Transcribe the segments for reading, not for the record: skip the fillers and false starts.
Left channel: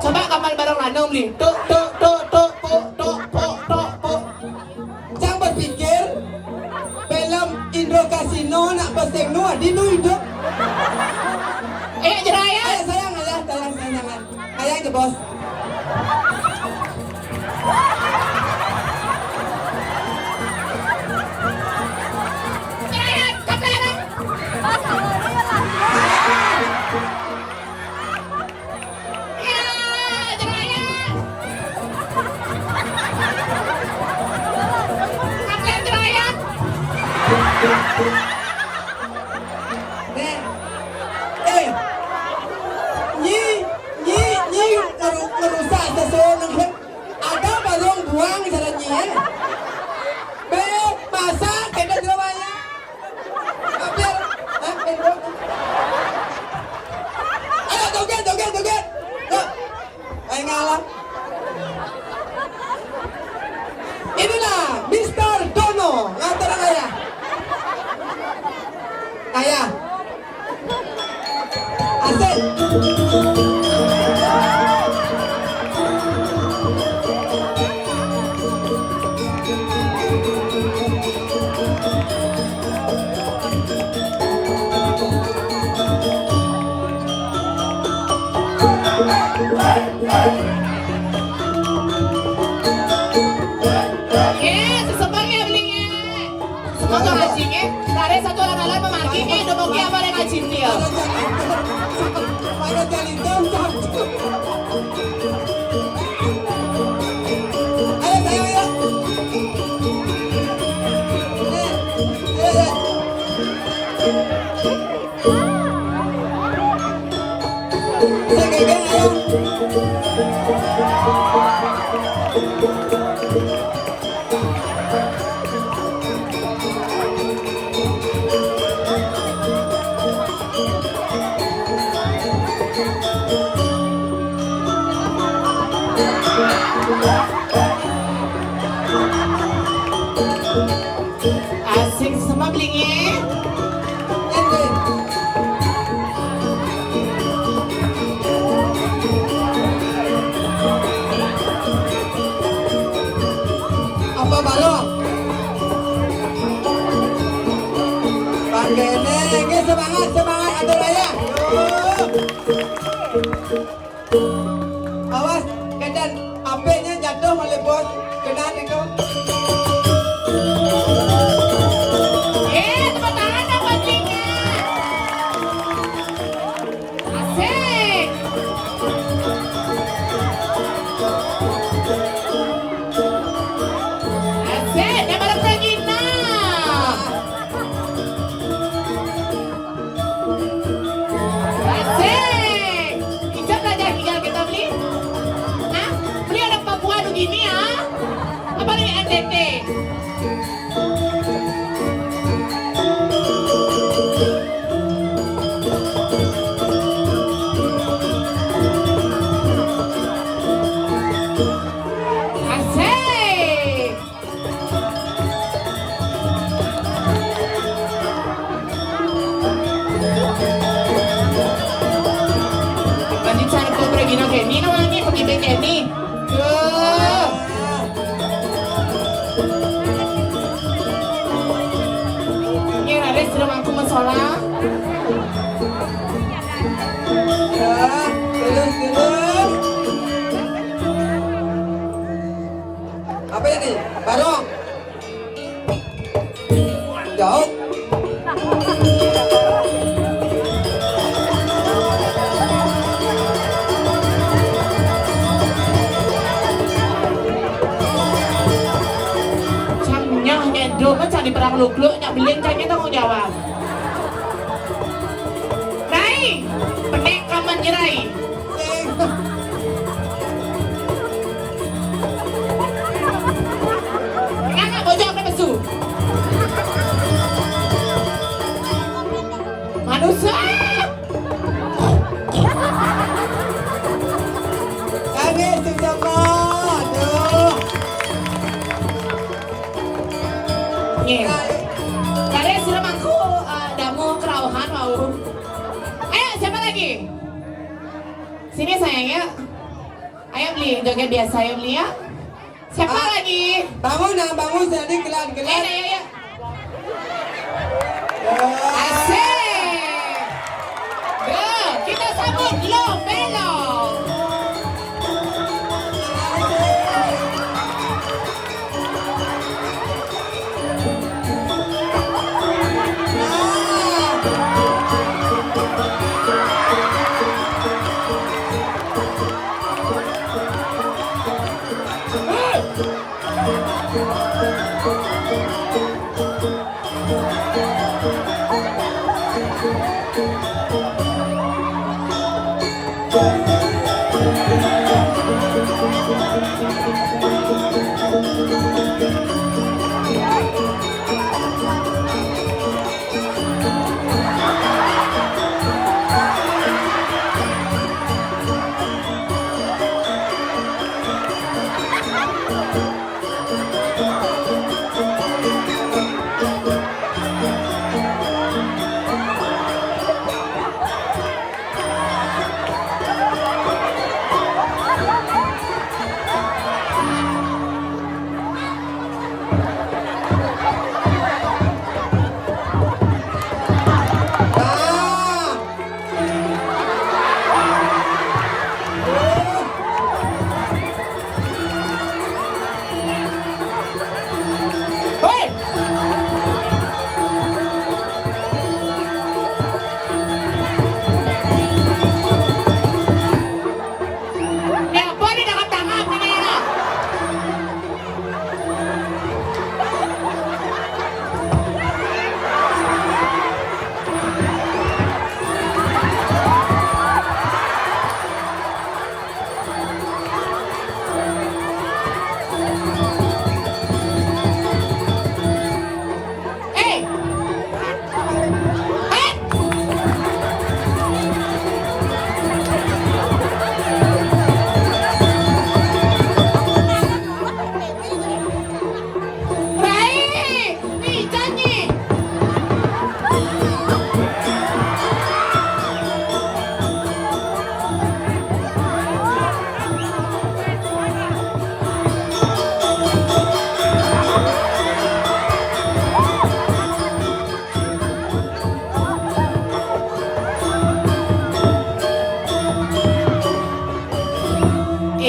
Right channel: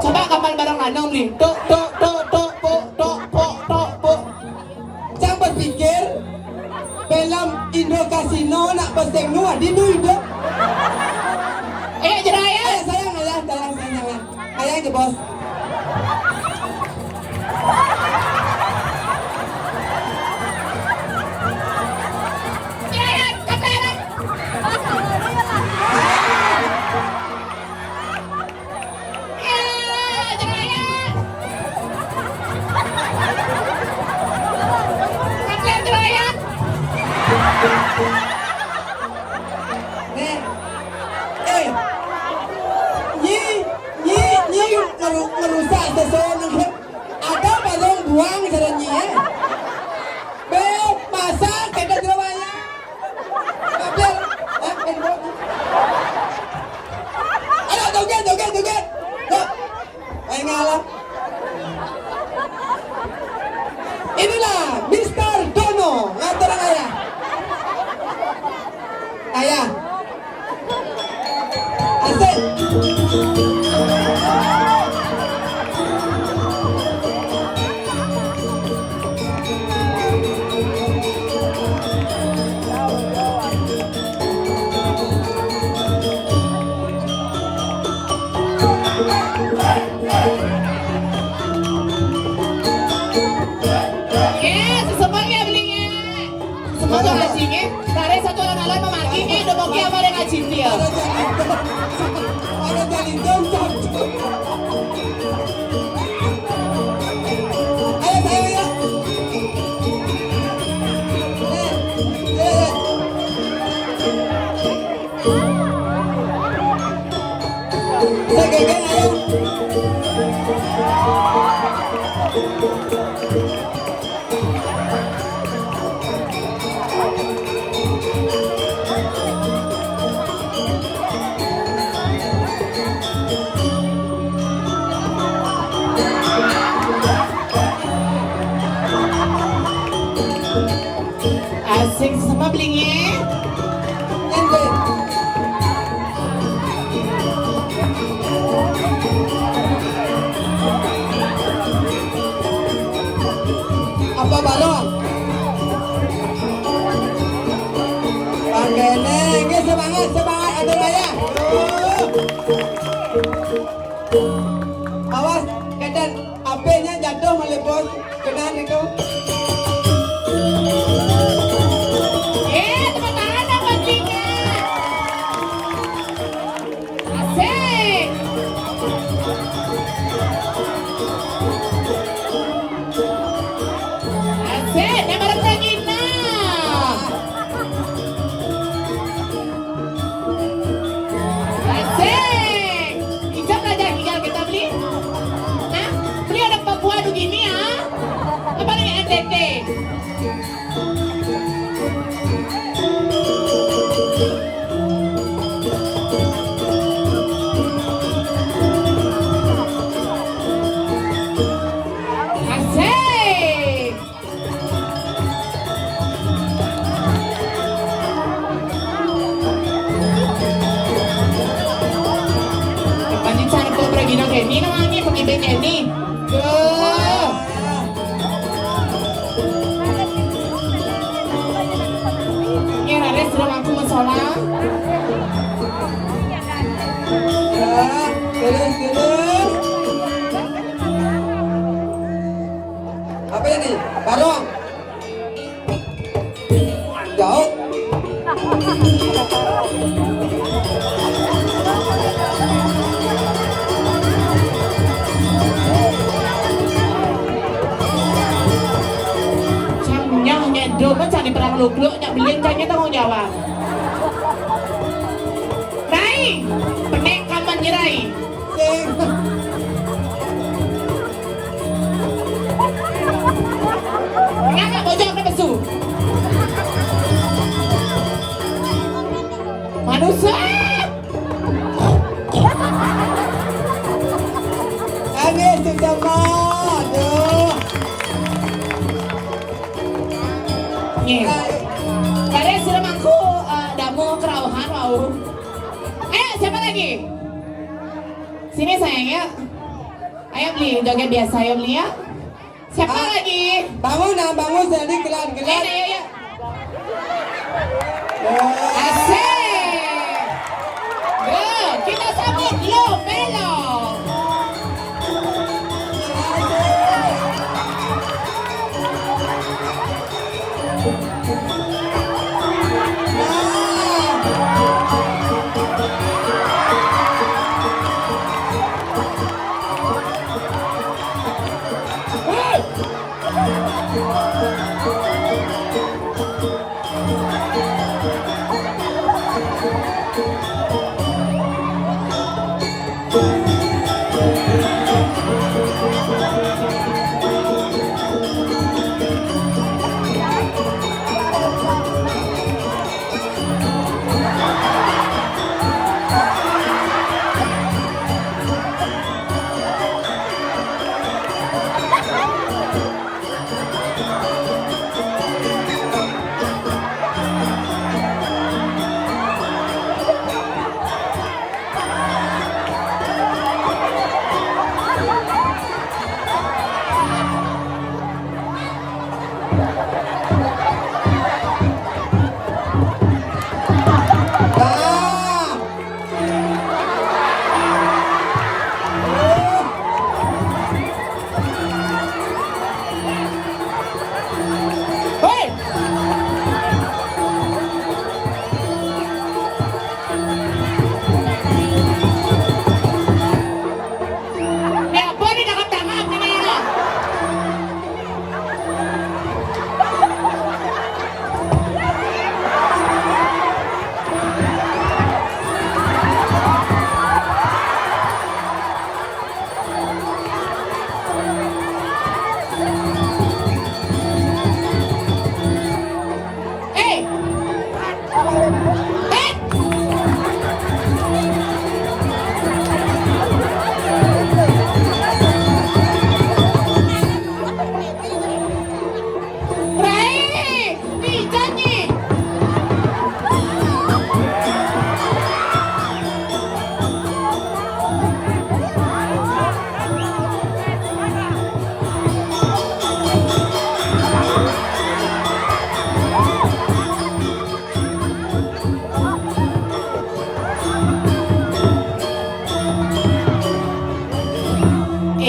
Coba kapan bareng lanang nih. Tuk tuk tuk tuk tuk tuk tuk tuk tuk. Jangan berpikir film Indo Casino nak pesing nuah di Indo. Jeraya. Ayah sayang, ayah sayang. Ayah aja bos. Jeraya, kamera. Ya, Jeraya. Kapten Jeraya. Nih, nyi merusak seseorang kan? Ada balong buang jalan nyi Be, masa kita Surabaya? Kapten, ayo joget. Yuk, ayo ngalah. Inilah Mr. Dono, ngaturang ayah. Ayah. Asik. Sesebangnya belinya. Semoga ngajingnya. Dari satu orang lain memakinya. Udah mau apa yang ngajing dia. Ada jadi jam. Ayo saya ya. Saya geng ayo. Asik sama belinya. Apa balong? Panggene, semangat ada raya. Awas, kedan HP-nya jatuh oleh bos. Kedan itu. Tepuk tangan dong ngajingnya. Asik. Asik, dia malam lagi nah. Asik. Ijab aja tinggal kita beli. Nah, beli ada Papua begini ya. Apa nih NTT? Asik. Banding cara kau pergi nak ni namanya pergi bek ni. Ni ada sudah aku masalah. Terus. Apa ini? Barong. Jauh. Cangnya dulu kan cari perang luk-luk, nyak beliin cangnya tanggung jawab. Rai, pendek kaman nyerai. Ngapa bojong ke besu? Manusia. Habis tu semua. Aduh. Nih, kalian sudah mangku damu kerauhan mau. Ayo siapa lagi? Sini sayang ya. Ayo beli joget biasa ya beli ya. Siapa lagi? Bangun jadi gelar. Ayo. Asik. Kita sambut Lo Melo.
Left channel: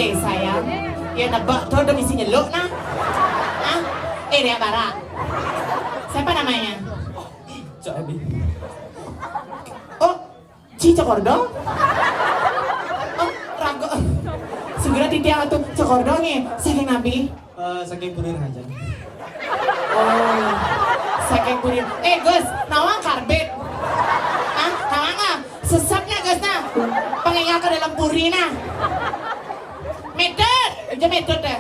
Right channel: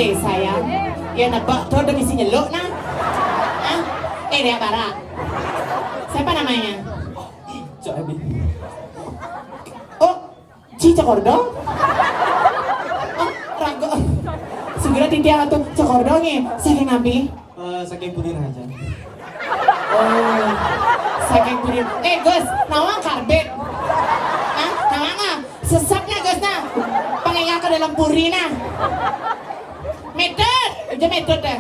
Sayang, ya nebak tuh udah misi nyeluk nah. Hah? Ria Bara. Siapa namanya? Cok Abi. Oh, Cica Kordong? Oh, rago. Segera titia atau cekordongnya. Saking nabi? Saking bulir aja. Oh, saking bulir. Gus, nama karbet. Hah? Nama nggak? Sesapnya Gus nah. Pengingat ke dalam puri nah. Medot, aja medot deh.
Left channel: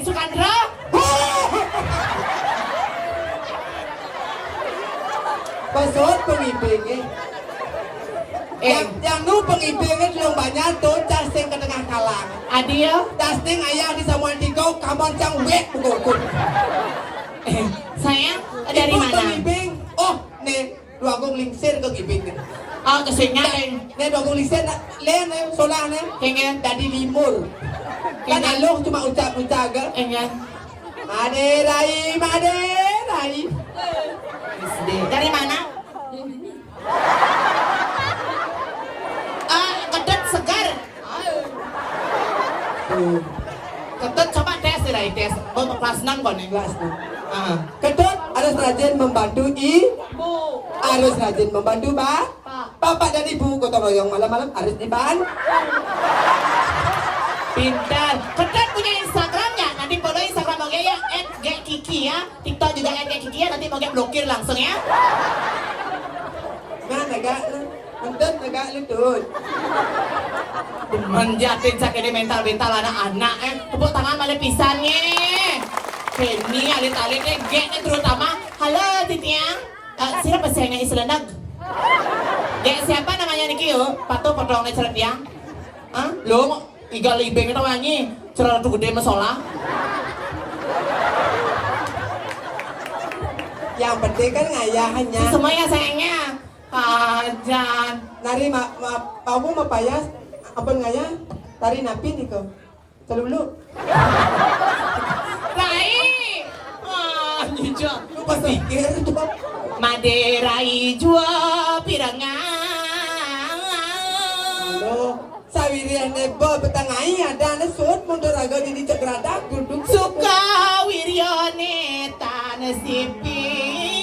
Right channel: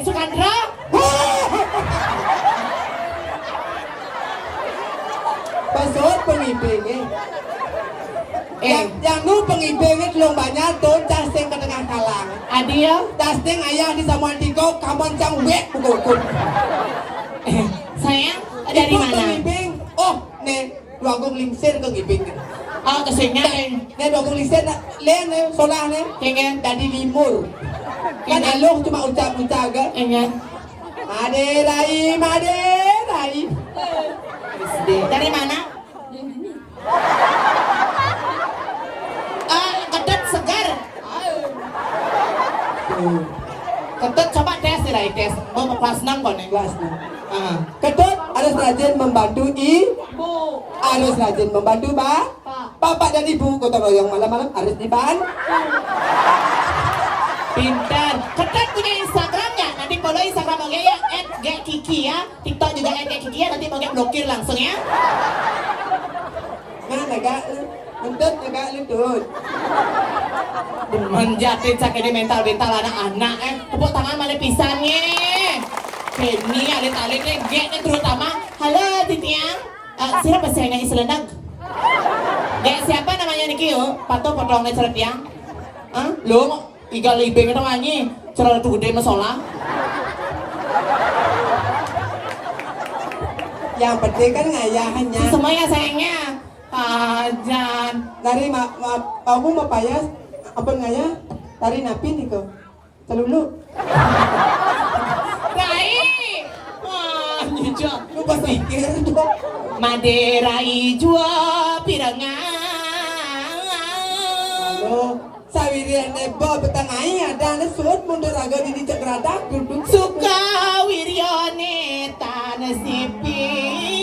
Sukandra. Pasot pengibing yang nu pengibing belum banyak tuh casting ke tengah kalang. Adia, Casting ayah di Samuel Tigo kaman cang wek pukul. sayang dari mana? Pengibing. Oh, nih, dua gong lingsir ke gibing. Oh, kesenya. Nih dua gong lingsir len solah len. Kengeng. Dari limur. Kan aloh cuma ucap-ucap ke. Engen. Ade rai. Dari mana? Ketut segar. Ketut coba tes deh, tes. Bawa kelas 6 kok nih. Kelas nih. Ketut harus rajin membantu ibu. Harus rajin membantu bapak dan ibu. Kota yang malam-malam harus dibantu. Pintar. Ketut punya Instagram nggak? Nanti follow Instagram oke ya. @gekiki ya. TikTok juga @gekiki ya. Nanti mau blokir langsung ya. Nah, negak lu tuh. Menjatin sakit mental anak-anak tepuk tangan malah pisannya. Ini alit-alitnya G-nya terutama. Halo Titia. Siapa bahasa Islandag? G siapa namanya Niki yo? Pato potongnya ceret ya. Lo iga libeng itu wangi. Cerita tuh gede masalah. Yang penting kan ngayahannya. Semuanya sayangnya. Dan Dari kamu mau payas apa ngaya? Tari napi nih kok. Telulu. Rai. Wah, nyucuk. Lu pas pikir tuh. Maderai jua pirangan. Halo, sawirian nebo betangai ada nesut mundur agak di cegradak duduk Suka wiryone tanah sipi.